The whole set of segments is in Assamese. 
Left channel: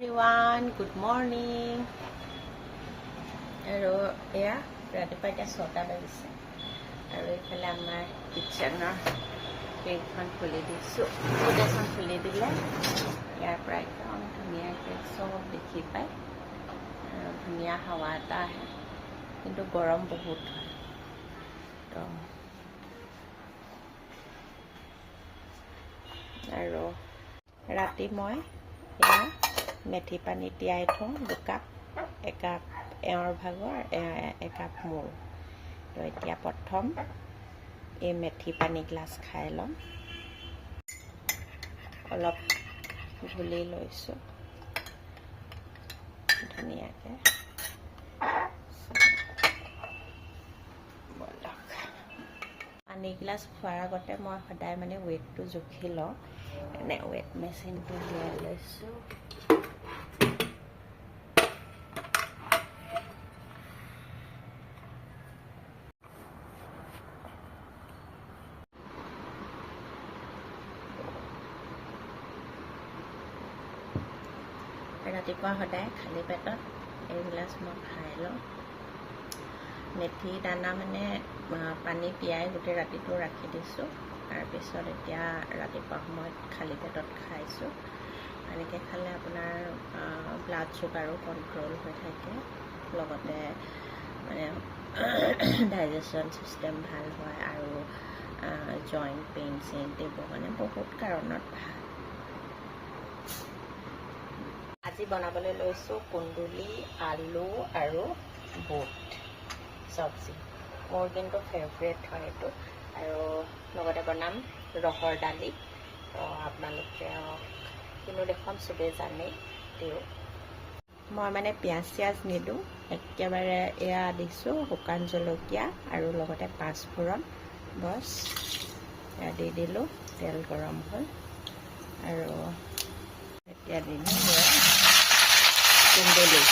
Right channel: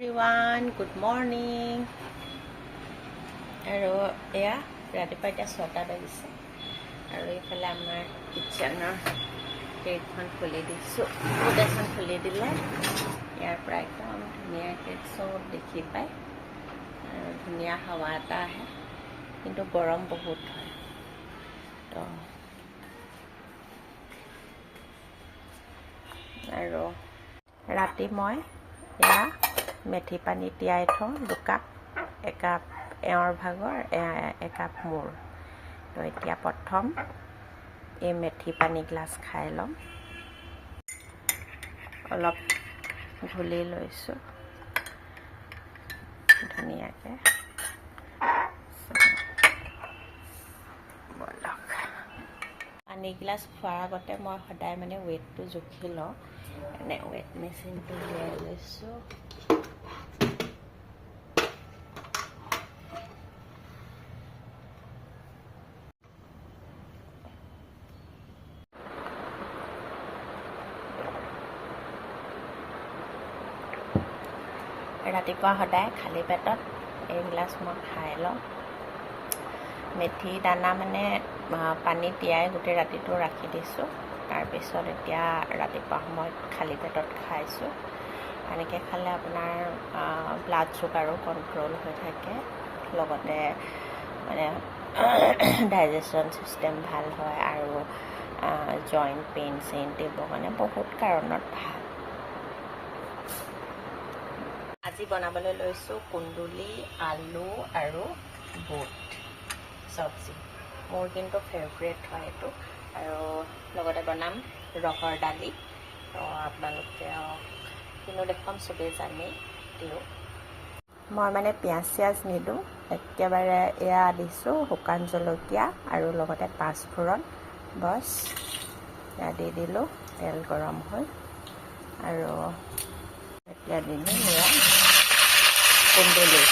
Everyone, good morning. আৰু এয়া ৰাতিপুৱা এতিয়া 6টা বাজিছে আৰু এইফালে আমাৰ কিটচেনৰ গেটখন খুলি দিছোঁ। এখন খুলি দিলে ইয়াৰ পৰা একদম ধুনীয়াকৈ চব দেখি পায় আৰু ধুনীয়া হাৱা এটা আহে, কিন্তু গৰম বহুত হয়। তো আৰু ৰাতি মই এয়া মেথি পানী তিয়াই থওঁ 2 কাপ, একাপ এওঁৰ ভাগৰ, একাপ মোৰ। তো এতিয়া প্ৰথম এই মেথি পানী গ্লাছ খাই ল'ম। অলপ ঘুলি লৈছোঁ ধুনীয়াকৈ। বলক, পানী গিলাচ খোৱাৰ আগতে মই সদায় মানে ৱেটটো জুখি লওঁ। এনে ৱেট মেচিনটো লৈ লৈছোঁ। ৰাতিপুৱা সদায় খালী পেটত এইগিলাচ মই খাই লওঁ। মেথি দানা মানে পানী তিয়াই গোটেই ৰাতিটো ৰাখি দিছোঁ, তাৰপিছত এতিয়া ৰাতিপুৱা সময়ত খালী পেটত খাইছোঁ। এনেকৈ খালে আপোনাৰ ব্লাড চুগাৰো কণ্ট্ৰল হৈ থাকে, লগতে মানে ডাইজেশ্যন চিষ্টেম ভাল হয় আৰু জইণ্ট পেইন এইবোৰ মানে বহুত কাৰণত ভাল। আজি বনাবলৈ লৈছোঁ কুন্দুলি, আলু আৰু বুট চব্জি। মোৰ কিন্তু ফেভৰেট হয় এইটো। আৰু লগতে বনাম ৰহৰ দালি। তো আপোনালোকে কিন্তু দেখোন চবেই জানেই দিওঁ। মই মানে পিঁয়াজ চিয়াজ নিদিওঁ, একেবাৰে এয়া দিছোঁ শুকান জলকীয়া আৰু লগতে পাঁচফোৰণ, বছ এয়া দি দিলোঁ। তেল গৰম হ'ল আৰু এতিয়া দি দিম এয়া কুন্দুলি।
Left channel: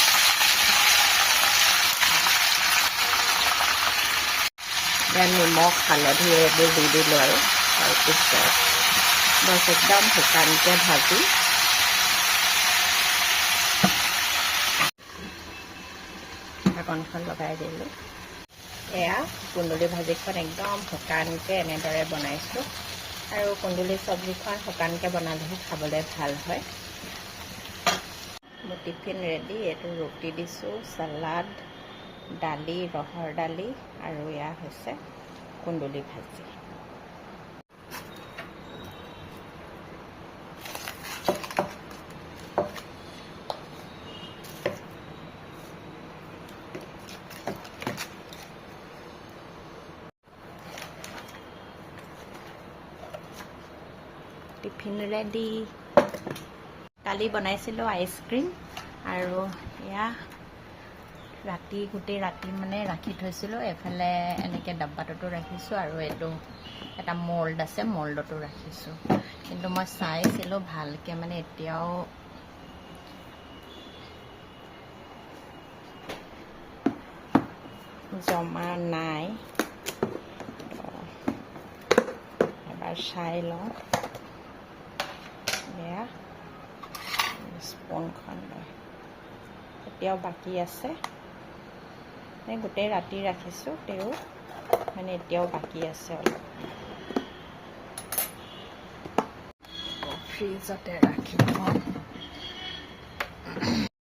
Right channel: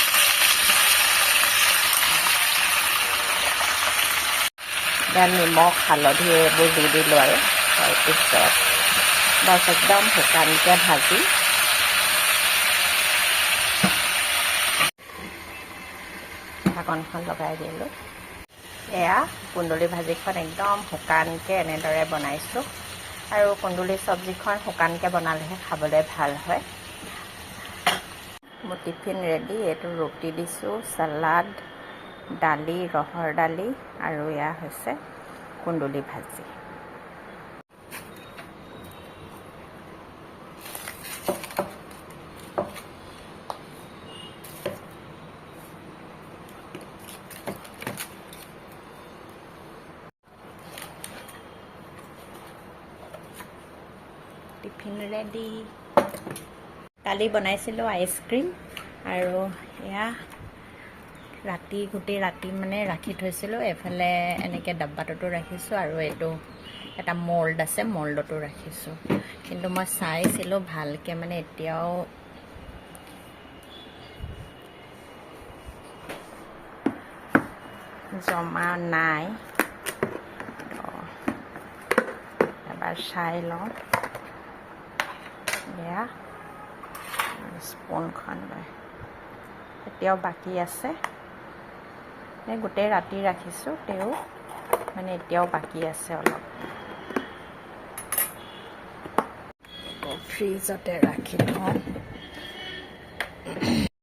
এতিয়া নিমখ হালধি এইবোৰ দি দিলোঁ আৰু তাৰপিছত বছ একদম শুকানকৈ ভাজি ঢাকনখন লগাই দিলোঁ। এয়া কুন্দুলি ভাজিখন একদম শুকানকৈ এনেদৰে বনাইছোঁ। আৰু কুন্দুলি চব্জিখন শুকানকৈ বনালেহে খাবলৈ ভাল হয়। মোৰ টিফিন ৰেডি। এইটো ৰুটি দিছোঁ, চালাড, দালি, ৰহৰ দালি আৰু এয়া হৈছে কুন্দুলি ভাজি। Tiffin ready. কালি বনাইছিলোঁ আইচক্ৰীম আৰু এয়া গোটেই ৰাতি মানে ৰাখি থৈছিলোঁ। এফালে এনেকৈ ডাব্বাটোতো ৰাখিছোঁ আৰু এইটো এটা মল্ড আছে, মল্ডতো ৰাখিছোঁ। কিন্তু মই চাইছিলোঁ ভালকৈ, মানে এতিয়াও জমা নাই। তো এবাৰ চাই লওঁ। এয়া স্পুনখন লৈ এতিয়াও বাকী আছে। গোটেই ৰাতি ৰাখিছোঁ, তেও মানে এতিয়াও বাকী আছে অলপ। ফ্ৰিজতে ৰাখি থওঁ।